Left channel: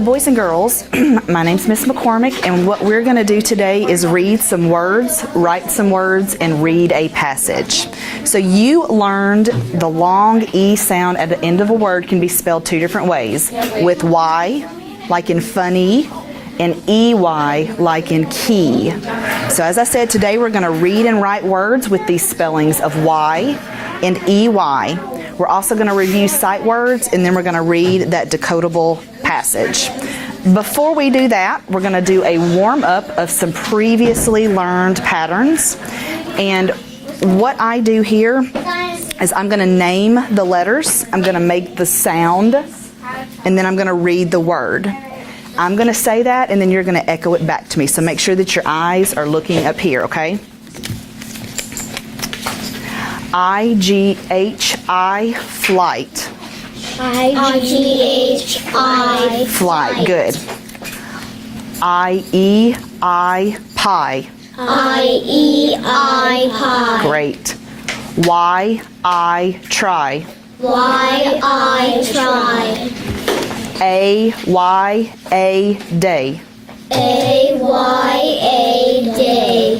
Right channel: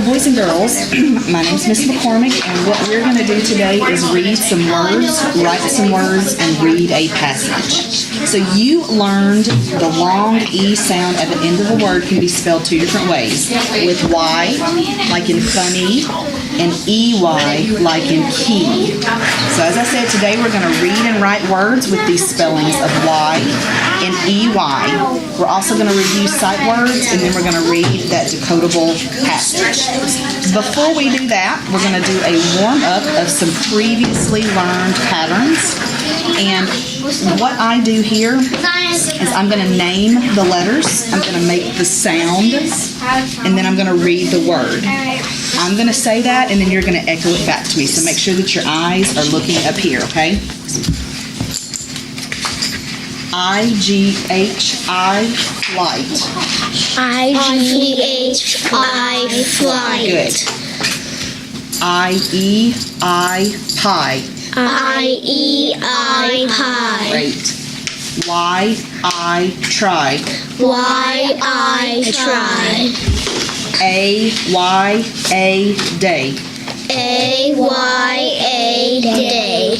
So boys and girls, my name's Miss McCormick, and what we're going to do today is read some words, write some words, and read a passage. So you learned the long E sound at the end of a word can be spelled two different ways. With Y, like in funny, and EY, like in key. So as I said, today we're going to read and write words with these spellings of Y and EY. We're also going to review sight words, and then we're going to read that decodable passage. Before we do that, we're going to do a warm-up of some previously learned patterns. And what I do here is I'm going to name the letters, I'm going to make the sound, and then I'm going to read the word. I'm going to say that, and then you're going to echo it back to me. So make sure that your eyes are looking up here, okay? I-G-H-I, flight. I-G-H-I, Fly. Good. I-E-I, pie. I-E-I, pie. Great. Y-I, try. Y-I, try. A-Y-A, day. A-Y-A, day.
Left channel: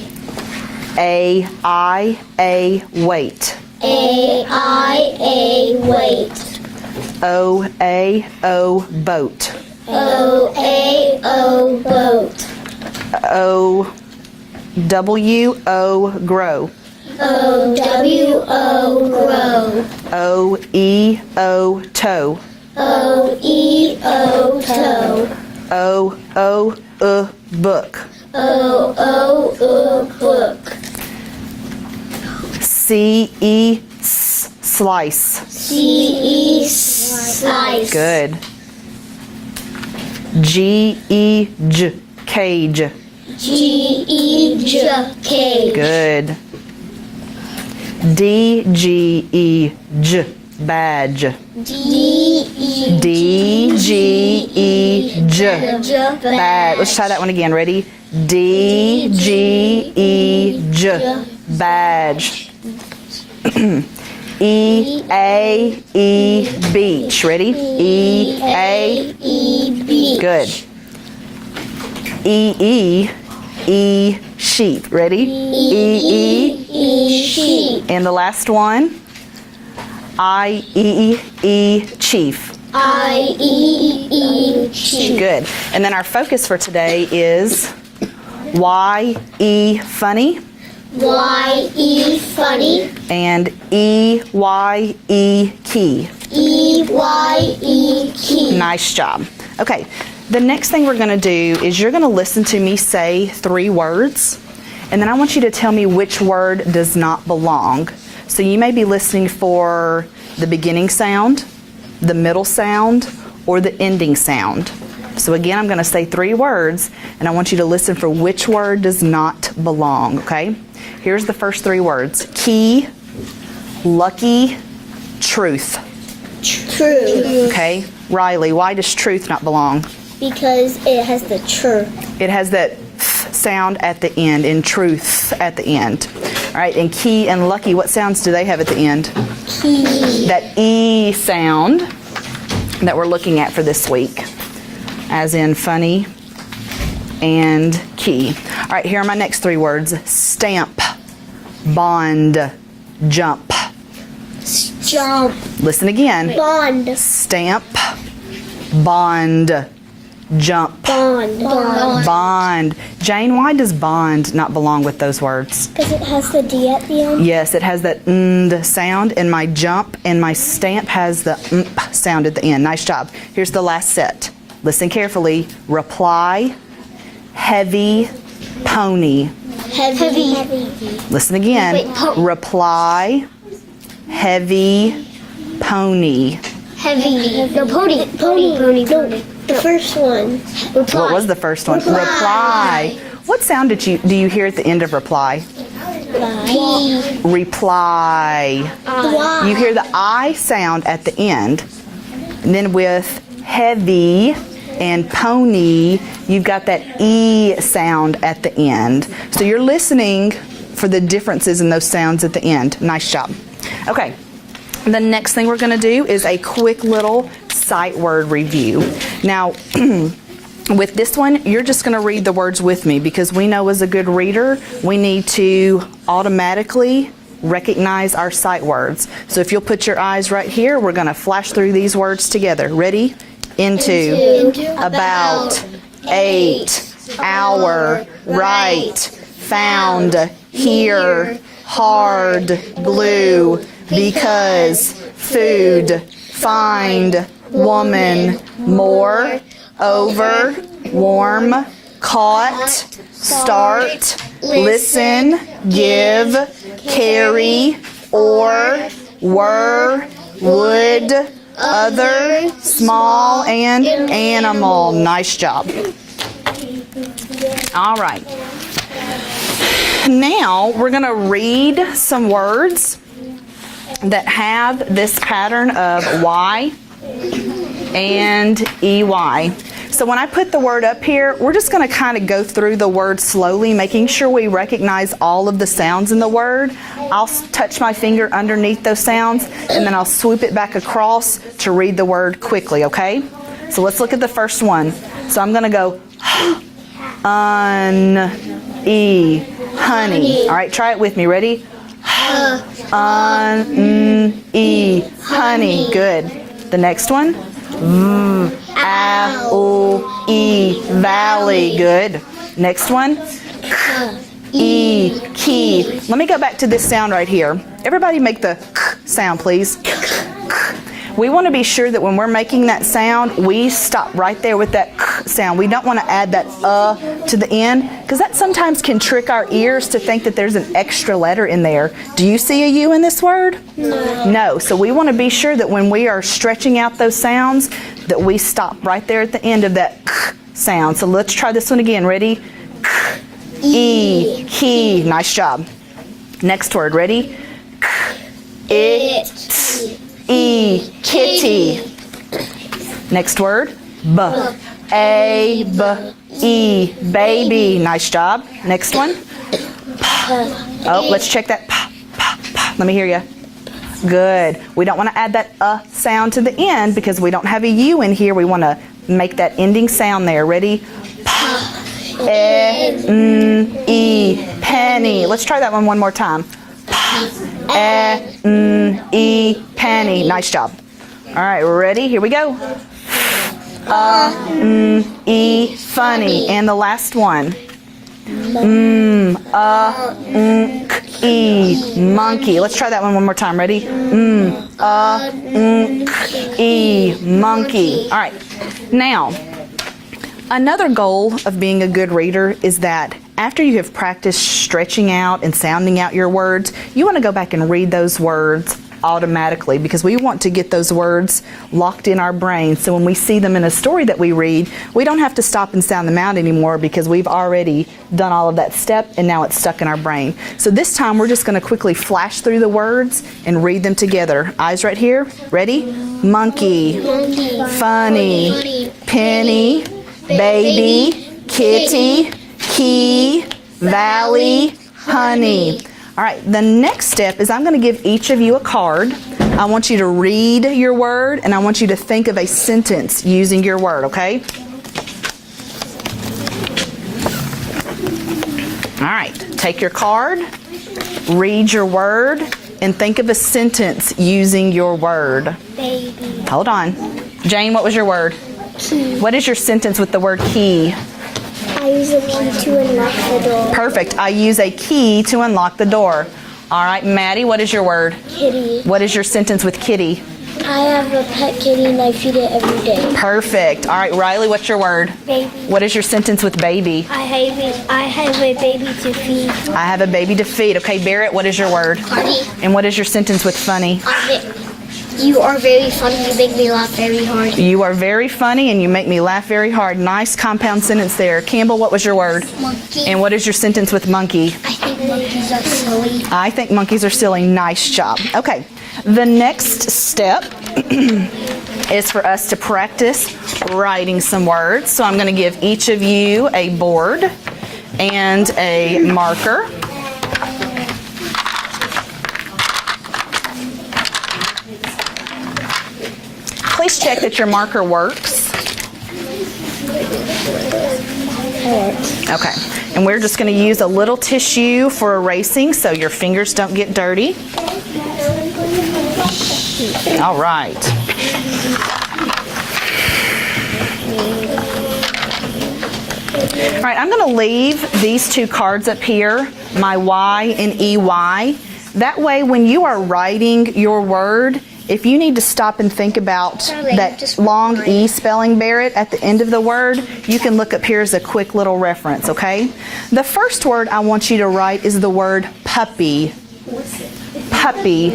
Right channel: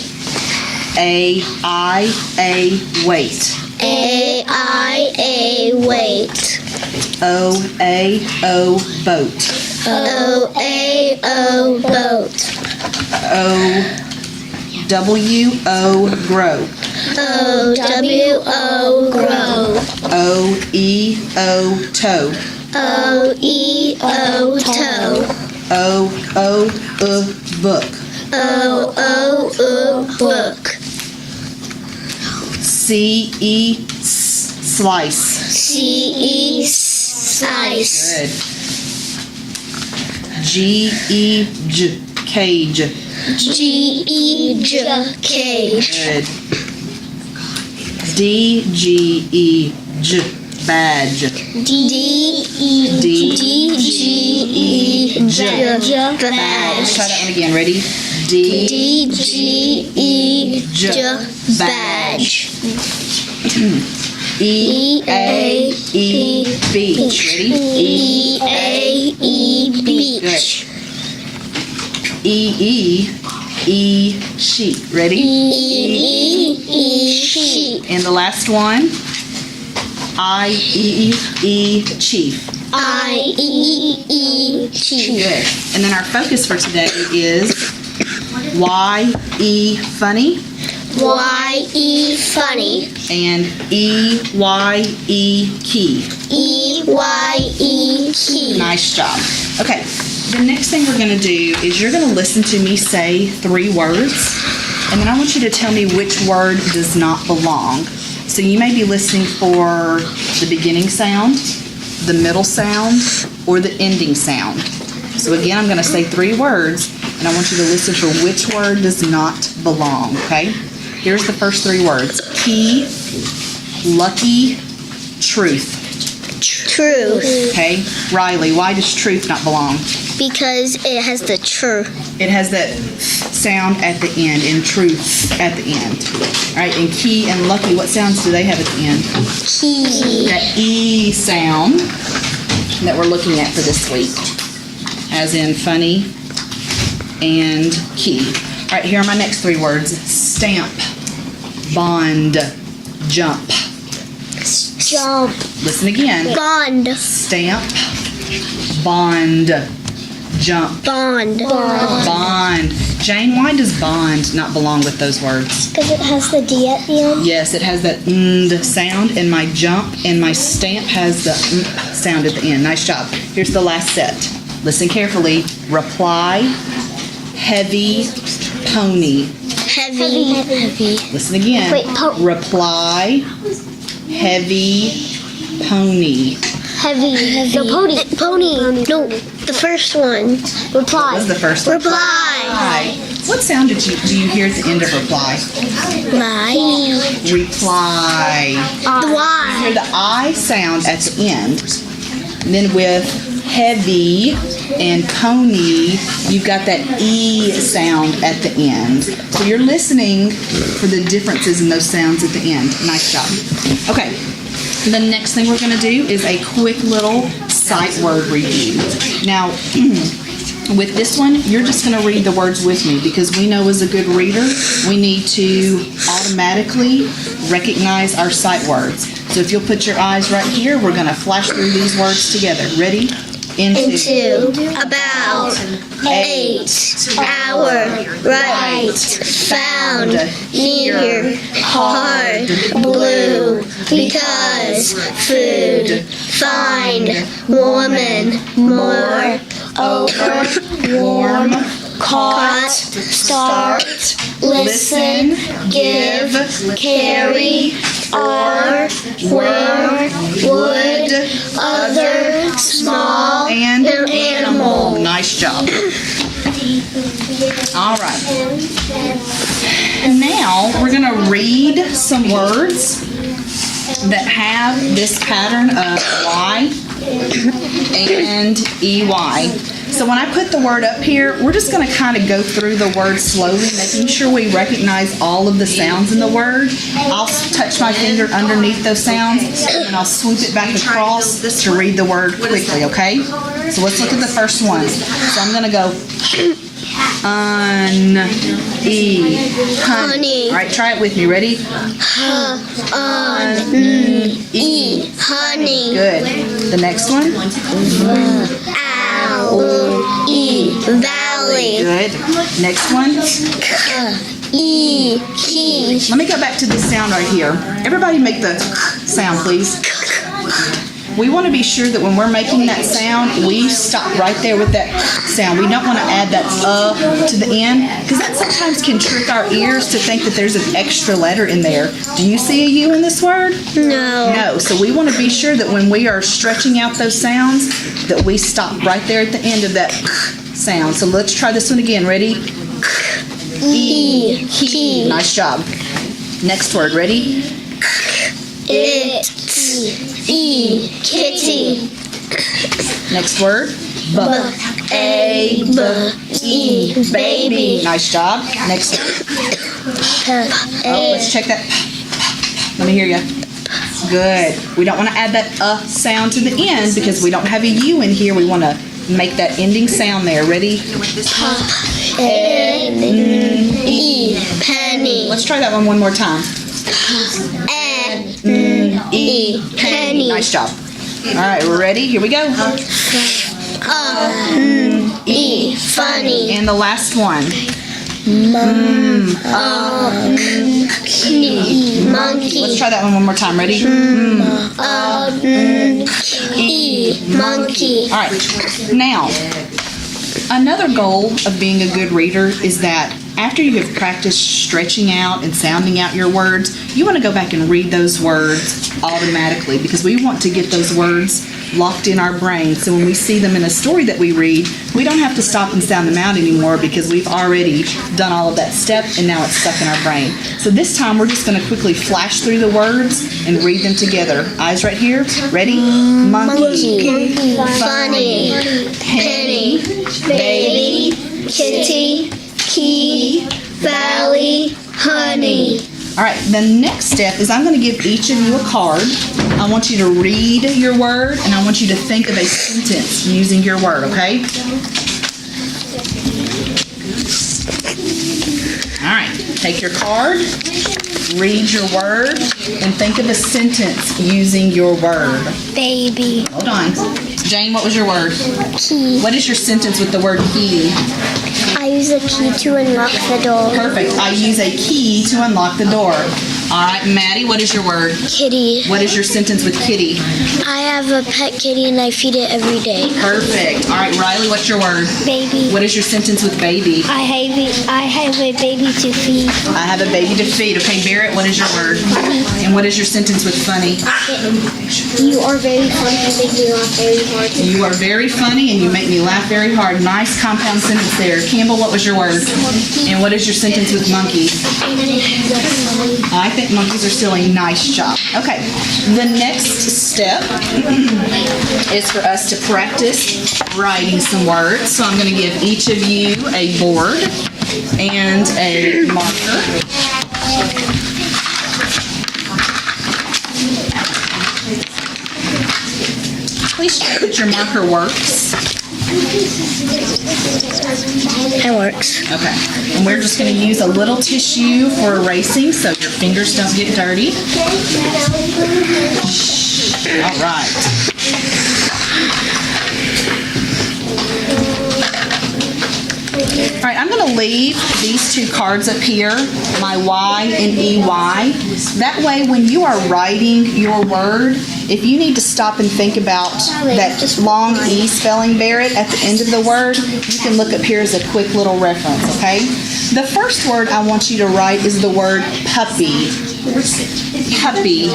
A-I-A, wait. A-I-A, wait. O-A-O, boat. O-A-O, boat. O-W-O, grow. O-W-O, grow. O-E-O, toe. O-E-O, toe. O-O-U, book. O-O-U, book. C-E, slice. C-E, slice. Good. G-E-J, cage. G-E-J, cage. Good. D-G-E-J, badge. D-G-E-J, badge. Let's try that one again. Ready? D-G-E-J, badge. E-A-E, beach. Ready? E-A-E, beach. good. E-E-E, sheep. Ready? E-E-E, sheep. and the last one, I-E-E, chief. I-E-E, chief. Good. And then our focus for today is Y-E, funny, Y-E, funny. and E-Y-E, key. E-Y-E, key. Nice job. Okay, the next thing we're going to do is you're going to listen to me say 3 words, and then I want you to tell me which word does not belong. So you may be listening for the beginning sound, the middle sound, or the ending sound. So again, I'm going to say 3 words, and I want you to listen for which word does not belong, okay? Here's the first 3 words. Key, lucky, truth. Truth. Okay? Riley, why does truth not belong? Because it has the tr. It has that sound at the end, and truth at the end. All right, and key and lucky, what sounds do they have at the end? Key. That E sound that we're looking at for this week, as in funny and key. All right, here are my next 3 words. Stamp, bond, jump. Jump. Listen again. Bond. Stamp, bond, jump. Bond. Bond. Bond. Jane, why does bond not belong with those words? Because it has the D at the end. Yes, it has that the sound, and my jump and my stamp has the sound at the end. Nice job. Here's the last set. Listen carefully. Reply, heavy, pony. Heavy. Heavy. Listen again. Wait, reply, heavy, pony. Heavy. No, pony. Pony. No, the first one. Reply. What was the first one? Reply. What sound do you hear at the end of reply? Reply. You hear the I sound at the end. And then with heavy and pony, you've got that E sound at the end. So you're listening for the differences in those sounds at the end. Nice job. Okay. The next thing we're going to do is a quick little sight word review. Now, with this one, you're just going to read the words with me because we know as a good reader, we need to automatically recognize our sight words. So if you'll put your eyes right here, we're going to flash through these words together. Ready? Into, about, 8, hour, right, found, here, hard, blue, because, food, find, woman, more, over, warm, caught, start, listen, give, carry, or, were, would, other, small, and animal. Nice job. All right. Now we're going to read some words that have this pattern of Y and EY. So when I put the word up here, we're just going to kind of go through the word slowly, making sure we recognize all of the sounds in the word. I'll touch my finger underneath those sounds, and then I'll swoop it back across to read the word quickly, okay? So let's look at the first one. So I'm going to go honey. All right, try it with me. Ready? Honey. Good. The next one? Valley. Good. Next one? Key. Let me go back to this sound right here. Everybody make the sound, please. We want to be sure that when we're making that sound, we stop right there with that sound. We don't want to add that to the end, because that sometimes can trick our ears to think that there's an extra letter in there. Do you see a U in this word? No. No. So we want to be sure that when we are stretching out those sounds, that we stop right there at the end of that sound. So let's try this one again. Ready? Key. Nice job. Next word. Ready? Kitty. Next word. Baby. Nice job. Next one. Oh, let's check that. Let me hear you. Good. We don't want to add that sound to the end because we don't have a U in here. We want to make that ending sound there. Ready? Penny. Let's try that one more time. Penny. Nice job. All right, we're ready? Here we go. Funny. And the last one. Monkey. Let's try that one more time. Ready? Monkey. All right. Now, another goal of being a good reader is that after you have practiced stretching out and sounding out your words, you want to go back and read those words automatically, because we want to get those words locked in our brain. So when we see them in a story that we read, we don't have to stop and sound them out anymore because we've already done all of that step and now it's stuck in our brain. So this time we're just going to quickly flash through the words and read them together. Eyes right here. Ready? Monkey. Funny. Penny. Baby. Kitty. Key, valley, honey. All right, the next step is I'm going to give each of you a card. I want you to read your word, and I want you to think of a sentence using your word, okay? All right, take your card, read your word, and think of a sentence using your word. Baby. Hold on. Jane, what was your word? Key. What is your sentence with the word key? I use a key to unlock the door. Perfect. I use a key to unlock the door. All right, Maddie, what is your word? Kitty. What is your sentence with kitty? I have a pet kitty and I feed it every day. Perfect. All right, Riley, what's your word? Baby. What is your sentence with baby? I have a baby to feed. I have a baby to feed. Okay, Barrett, what is your word? Funny. And what is your sentence with funny? You are very funny. You make me laugh very hard. You are very funny and you make me laugh very hard. Nice compound sentence there. Campbell, what was your word? Monkey. And what is your sentence with monkey? I think monkeys are silly. Nice job. Okay, the next step is for us to practice writing some words. So I'm going to give each of you a board and a marker. please check that your marker works. It works. Okay. And we're just going to use a little tissue for erasing so your fingers don't get dirty. All right. All right, I'm going to leave these two cards up here, my Y and EY. That way, when you are writing your word, if you need to stop and think about that long E spelling, Barrett, at the end of the word, you can look up here as a quick little reference, okay? The first word I want you to write is the word puppy. Puppy.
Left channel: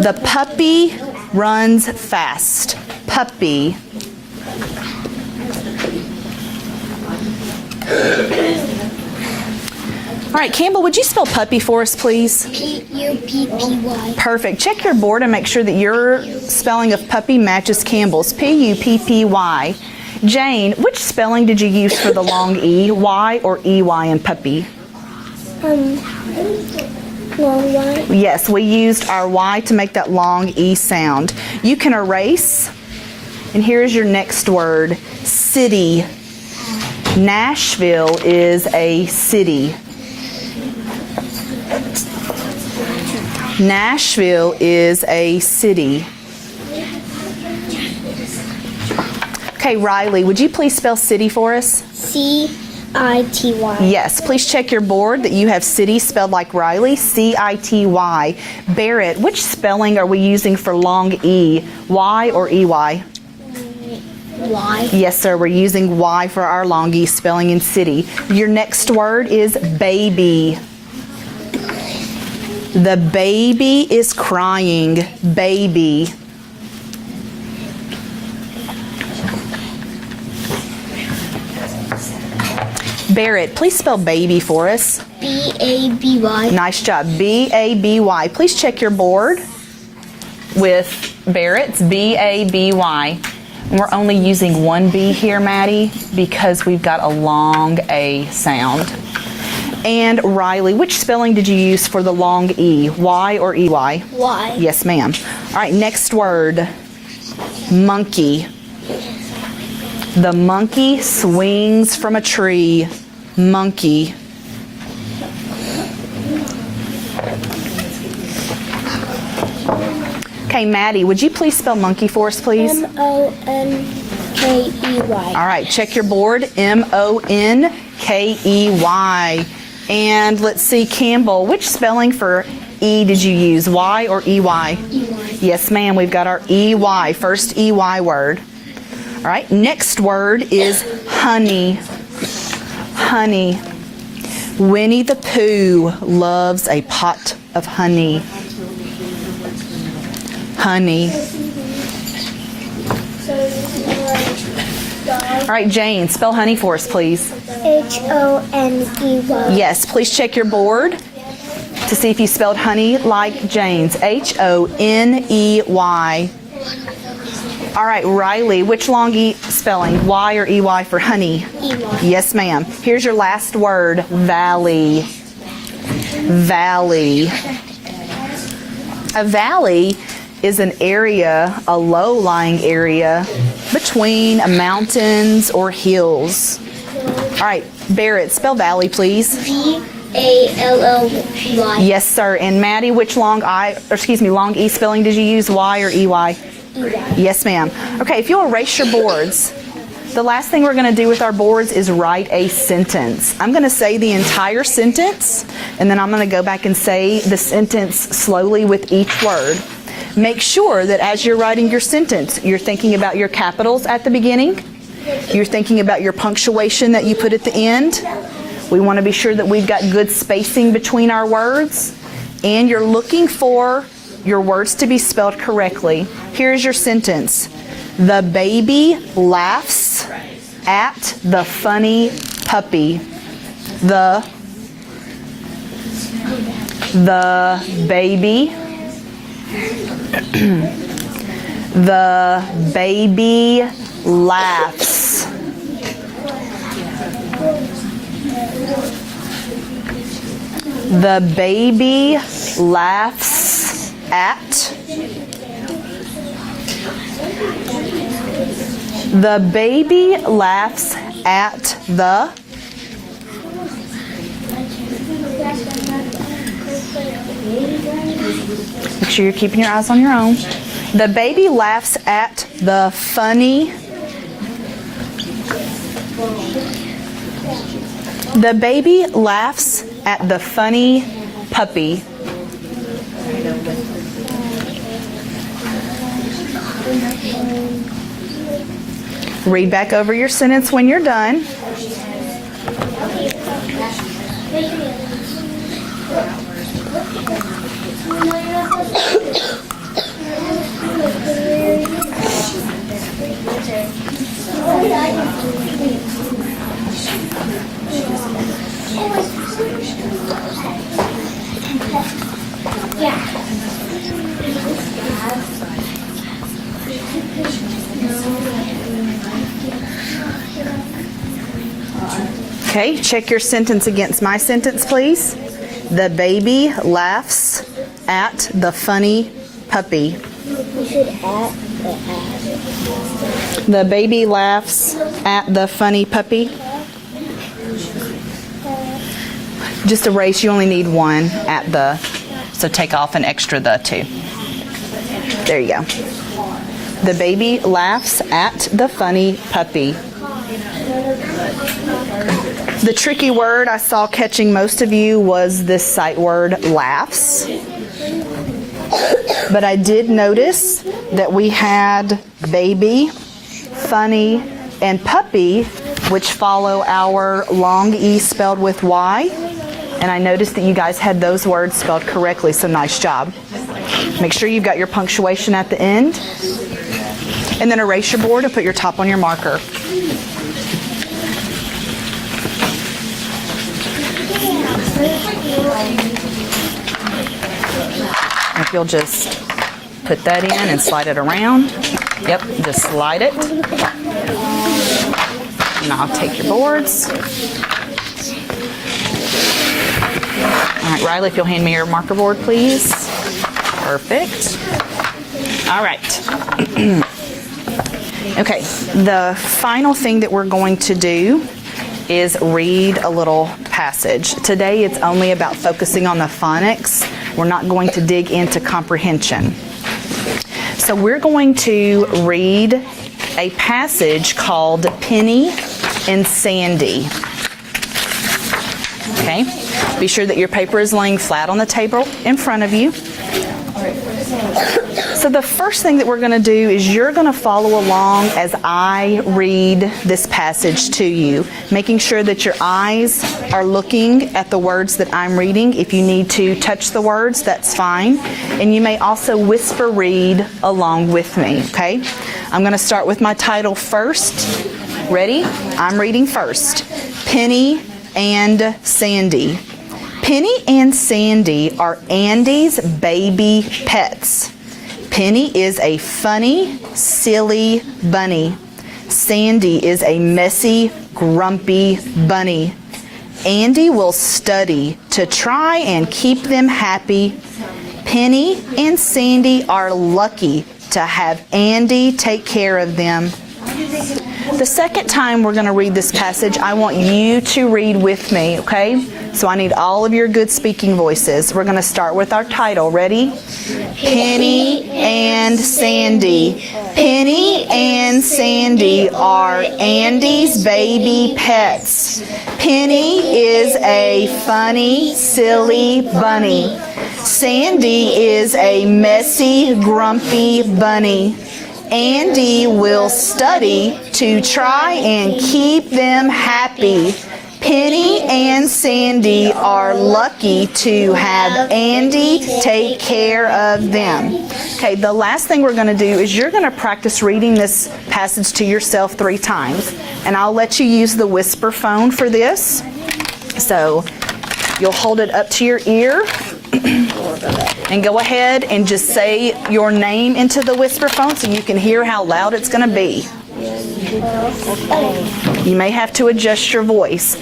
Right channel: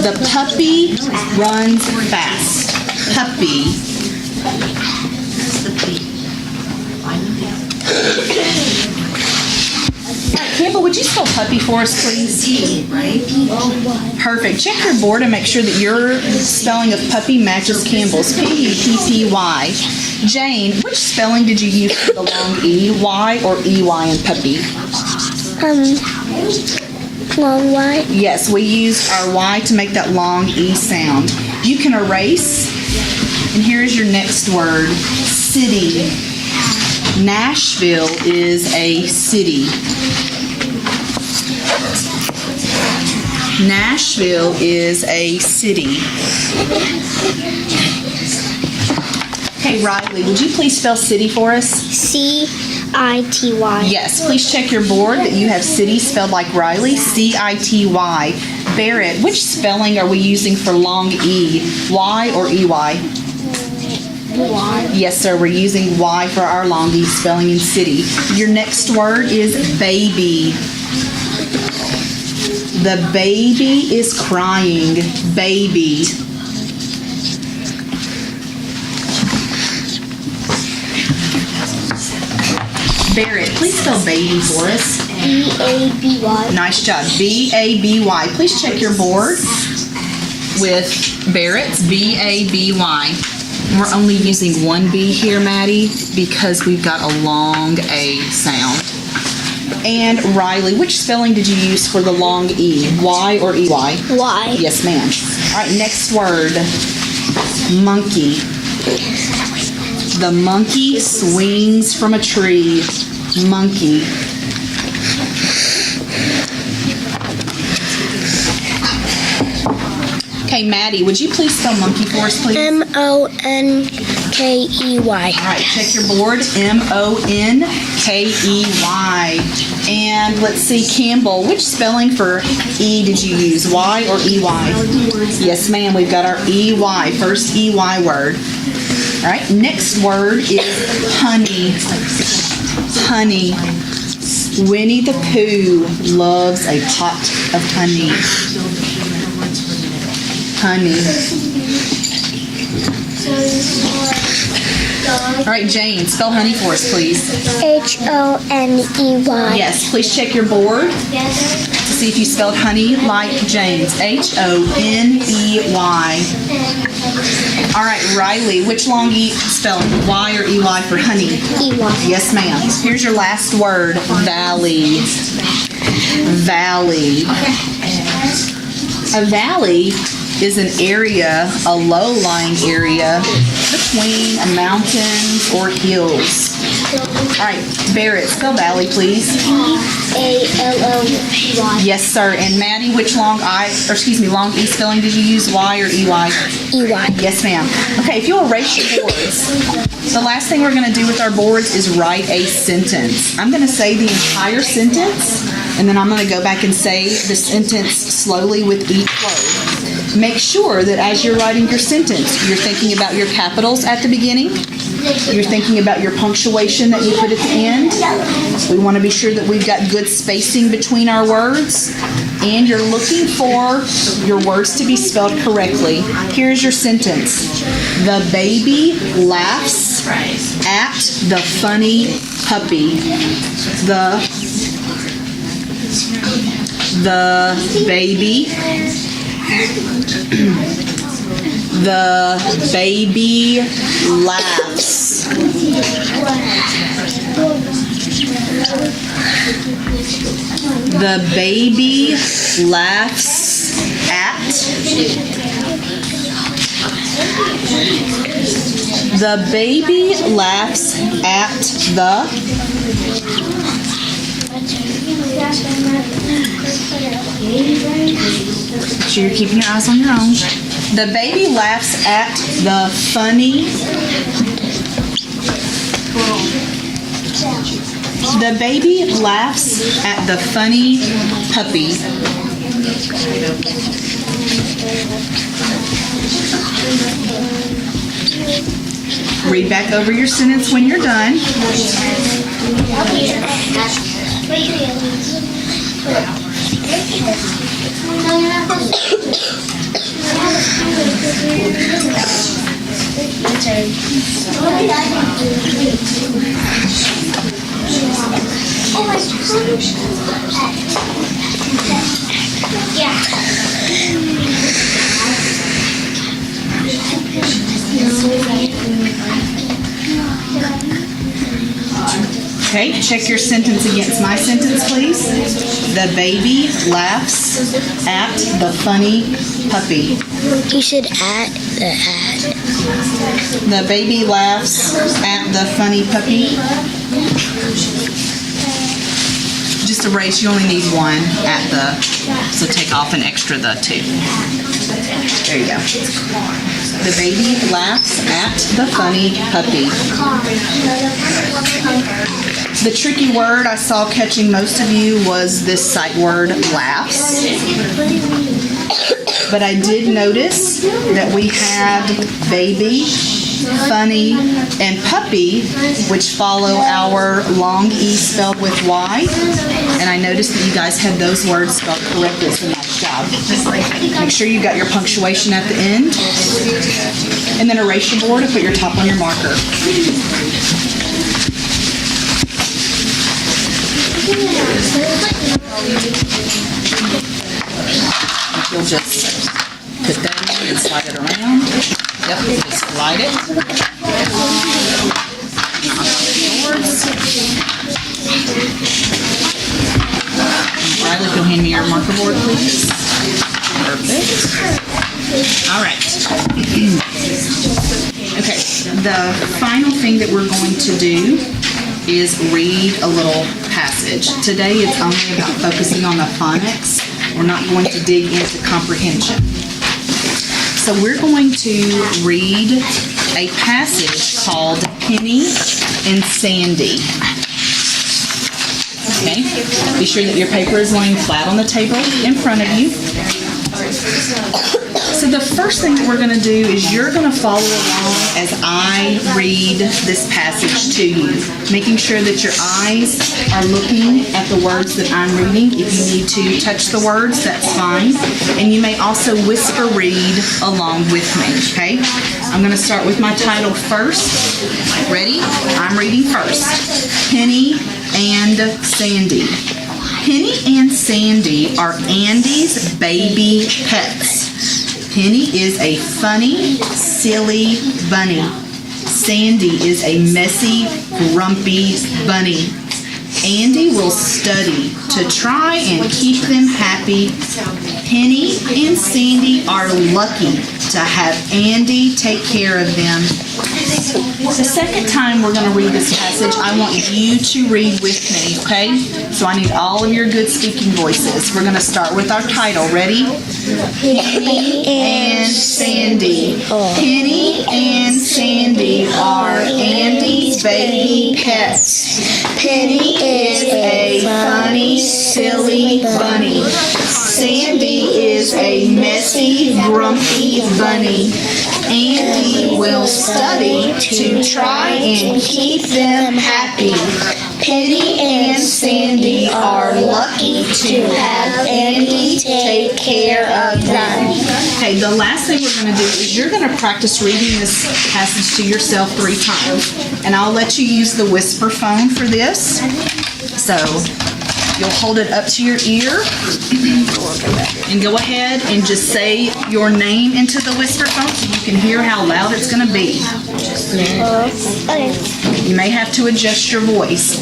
The puppy runs fast. Puppy. All right, Campbell, would you spell puppy for us, please? Perfect. Check your board and make sure that your spelling of puppy matches Campbell's. P-U-P-P-Y. Jane, which spelling did you use for the long E? Y or E-Y in puppy? Long Y. Yes, we used our Y to make that long E sound. You can erase. And here's your next word. City. Nashville is a city. Nashville is a city. Okay, Riley, would you please spell city for us? C-I-T-Y. Yes, please check your board that you have city spelled like Riley, C-I-T-Y. Barrett, which spelling are we using for long E? Y or E-Y? Y. Yes, sir, we're using Y for our long E spelling in city. Your next word is baby. The baby is crying. Baby. Barrett, please spell baby for us. B-A-B-Y. Nice job. B-A-B-Y. Please check your board with Barrett's B-A-B-Y. We're only using one B here, Maddie, because we've got a long A sound. And Riley, which spelling did you use for the long E? Y or E-Y? Y. Yes, ma'am. All right, next word. Monkey. The monkey swings from a tree. Monkey. Okay, Maddie, would you please spell monkey for us, please? M-O-N-K-E-Y. All right, check your board. M-O-N-K-E-Y. And let's see, Campbell, which spelling for E did you use? Y or E-Y? Yes, ma'am, we've got our E-Y, first E-Y word. All right, next word is honey. Honey. Winnie the Pooh loves a pot of honey. Honey. All right, Jane, spell honey for us, please. H-O-N-E-Y. Yes, please check your board to see if you spelled honey like James. H-O-N-E-Y. All right, Riley, which long E spelling? Y or E-Y for honey? E-Y. Yes, ma'am. Here's your last word, valley. Valley. A valley is an area, a low-lying area between mountains or hills. All right, Barrett, spell valley, please. A-L-O-Y. Yes, sir. And Maddie, which long E spelling did you use? Y or E-Y? E-Y. Yes, ma'am. Okay, if you'll erase your boards. The last thing we're going to do with our boards is write a sentence. I'm going to say the entire sentence, and then I'm going to go back and say the sentence slowly with each word. Make sure that as you're writing your sentence, you're thinking about your capitals at the beginning. You're thinking about your punctuation that you put at the end. We want to be sure that we've got good spacing between our words. And you're looking for your words to be spelled correctly. Here's your sentence. The baby laughs at the funny puppy. The baby laughs. The baby laughs at The baby laughs at the. Make sure you're keeping your eyes on your own. The baby laughs at the funny. The baby laughs at the funny puppy. Read back over your sentence when you're done. Okay, check your sentence against my sentence, please. The baby laughs at the funny puppy. You said at the hat. The baby laughs at the funny puppy. Just erase, you only need one at the, so take off an extra the too. There you go. The baby laughs at the funny puppy. The tricky word I saw catching most of you was this sight word, laughs. But I did notice that we had baby, funny, and puppy, which follow our long E spelled with Y. And I noticed that you guys had those words spelled correctly, so nice job. Make sure you've got your punctuation at the end. And then erase your board and put your top on your marker. If you'll just put that in and slide it around. Yep, just slide it. And I'll take the boards. All right, Riley, if you'll hand me your marker board, please. Perfect. All right. Okay, the final thing that we're going to do is read a little passage. Today it's only about focusing on the phonics. We're not going to dig into comprehension. So we're going to read a passage called Penny and Sandy. Okay, be sure that your paper is laying flat on the table in front of you. So the first thing that we're going to do is you're going to follow along as I read this passage to you, making sure that your eyes are looking at the words that I'm reading. If you need to touch the words, that's fine. And you may also whisper read along with me, okay? I'm going to start with my title first. Ready? I'm reading first. Penny and Sandy. Penny and Sandy are Andy's baby pets. Penny is a funny, silly bunny. Sandy is a messy, grumpy bunny. Andy will study to try and keep them happy. Penny and Sandy are lucky to have Andy take care of them. The second time we're going to read this passage, I want you to read with me, okay? So I need all of your good speaking voices. We're going to start with our title. Ready? Penny and Sandy. Penny and Sandy are Andy's baby pets. Penny is a funny, silly bunny. Sandy is a messy, grumpy bunny. Andy will study to try and keep them happy. Penny and Sandy are lucky to have Andy take care of them. Okay, the last thing we're going to do is you're going to practice reading this passage to yourself 3 times. And I'll let you use the whisper phone for this. So you'll hold it up to your ear and go ahead and just say your name into the whisper phone so you can hear how loud it's going to be. You may have to adjust your voice.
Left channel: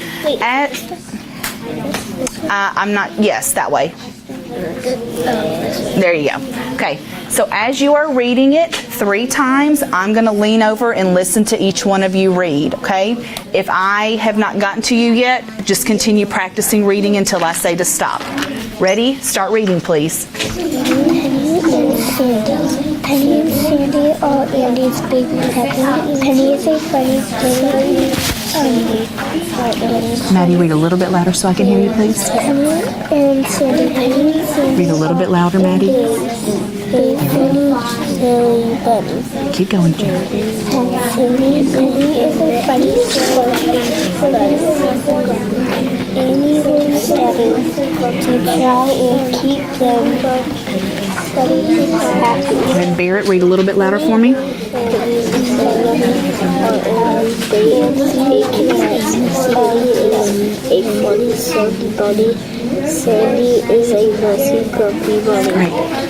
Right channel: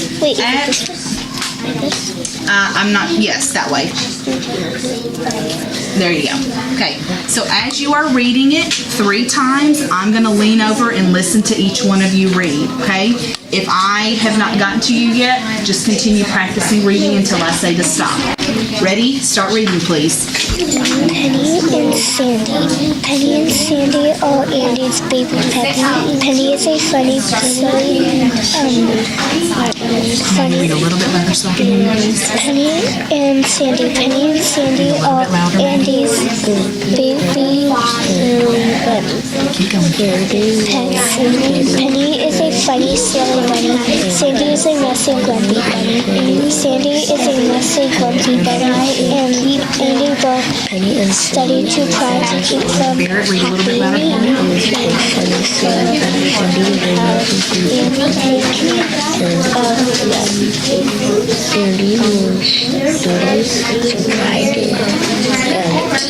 I'm not, yes, that way. There you go. Okay, so as you are reading it 3 times, I'm going to lean over and listen to each one of you read, okay? If I have not gotten to you yet, just continue practicing reading until I say to stop. Ready? Start reading, please. Penny and Sandy are Andy's baby pets. Penny is a funny Maddie, read a little bit louder so I can hear you, please. Penny and Sandy Read a little bit louder, Maddie. Andy's baby bunny. Keep going. Penny is a funny bunny. Sandy is a messy grumpy bunny. Sandy is a messy grumpy bunny. And Andy both study to try to keep them. Barrett, read a little bit louder for me.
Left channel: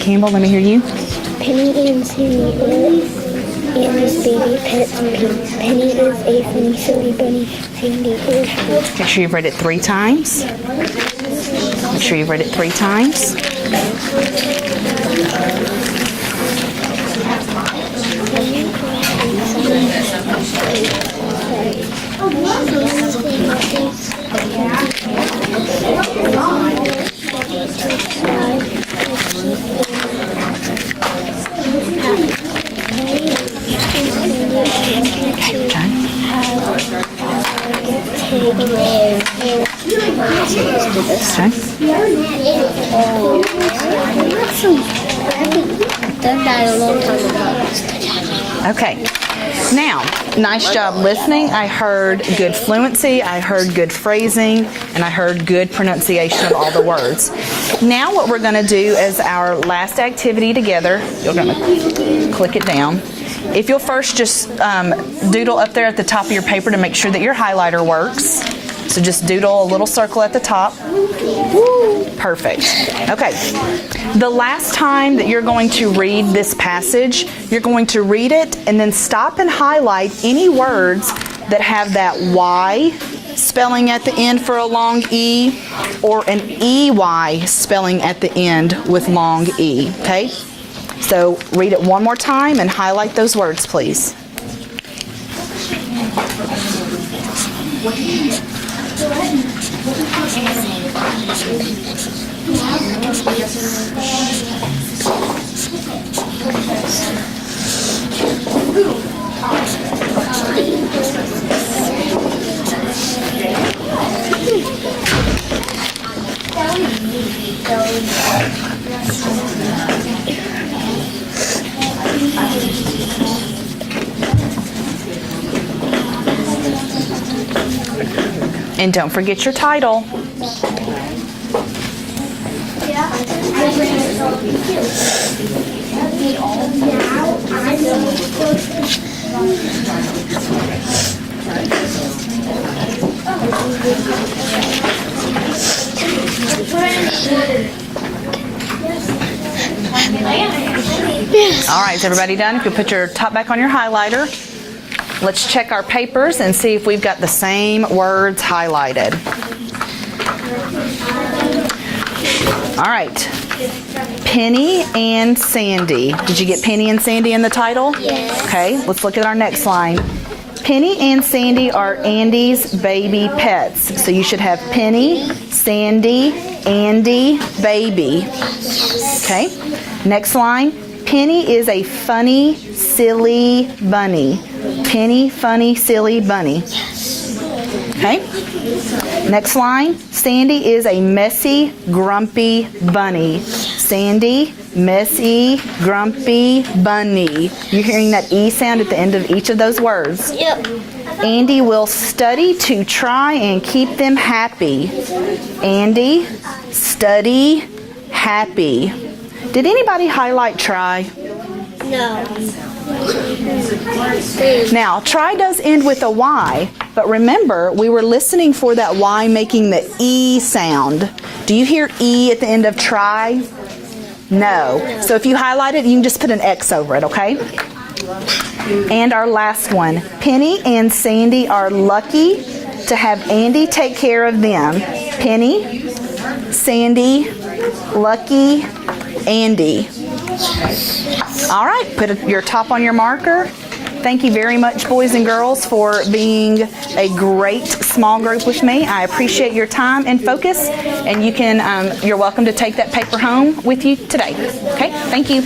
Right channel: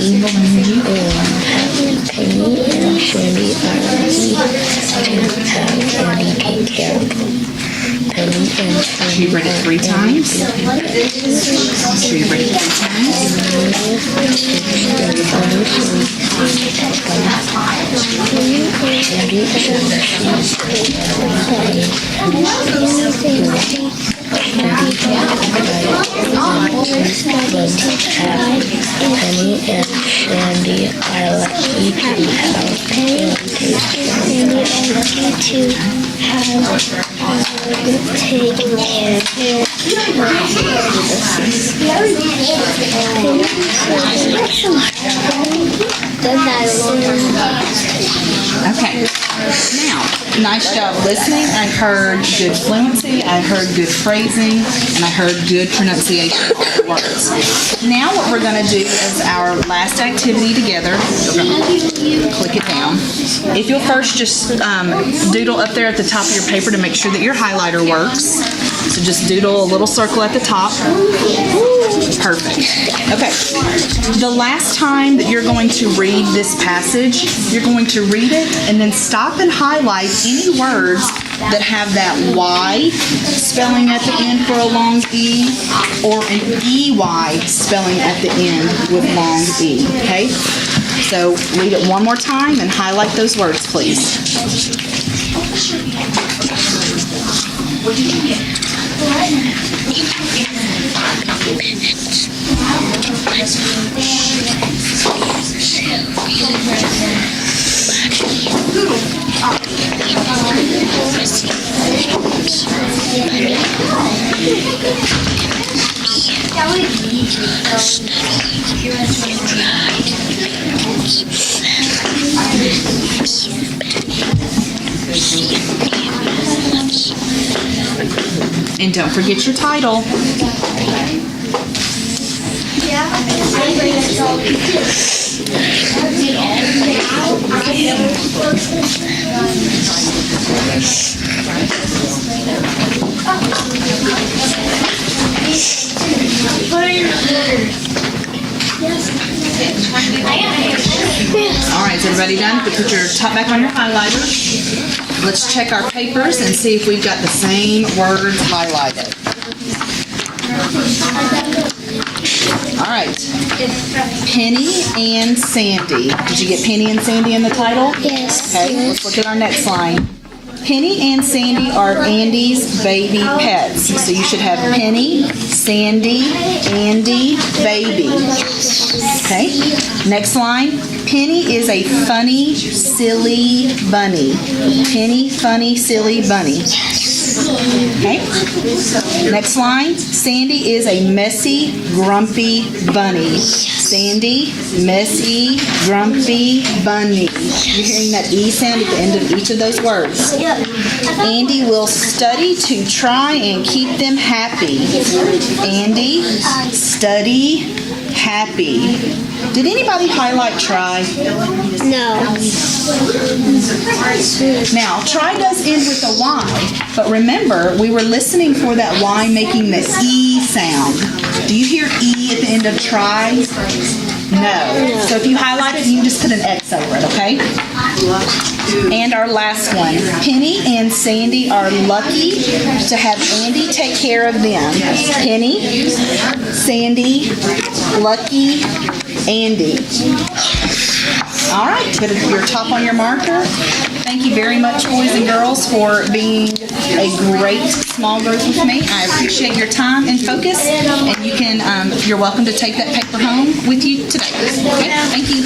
Campbell, let me hear you. Make sure you've read it 3 times. Make sure you've read it 3 times. Okay, now, nice job listening. I heard good fluency, I heard good phrasing, and I heard good pronunciation of all the words. Now what we're going to do is our last activity together. You're going to click it down. If you'll first just doodle up there at the top of your paper to make sure that your highlighter works. So just doodle a little circle at the top. Perfect. Okay. The last time that you're going to read this passage, you're going to read it and then stop and highlight any words that have that Y spelling at the end for a long E or an EY spelling at the end with long E. Okay? So read it one more time and highlight those words, please. And don't forget your title. All right, is everybody done? You can put your top back on your highlighter. Let's check our papers and see if we've got the same words highlighted. All right. Penny and Sandy. Did you get Penny and Sandy in the title? Yes. Okay, let's look at our next line. Penny and Sandy are Andy's baby pets. So you should have Penny, Sandy, Andy, baby. Okay, next line. Penny is a funny, silly bunny. Penny, funny, silly bunny. Okay, next line. Sandy is a messy, grumpy bunny. Sandy, messy, grumpy bunny. You're hearing that E sound at the end of each of those words. Yep. Andy will study to try and keep them happy. Andy, study, happy. Did anybody highlight try? No. Now, try does end with a Y, but remember, we were listening for that Y making the E sound. Do you hear E at the end of try? No. So if you highlight it, you can just put an X over it, okay? And our last one. Penny and Sandy are lucky to have Andy take care of them. Penny, Sandy, lucky Andy. All right, put your top on your marker. Thank you very much, boys and girls, for being a great small group with me. I appreciate your time and focus, and you're welcome to take that paper home with you today. Okay, thank you.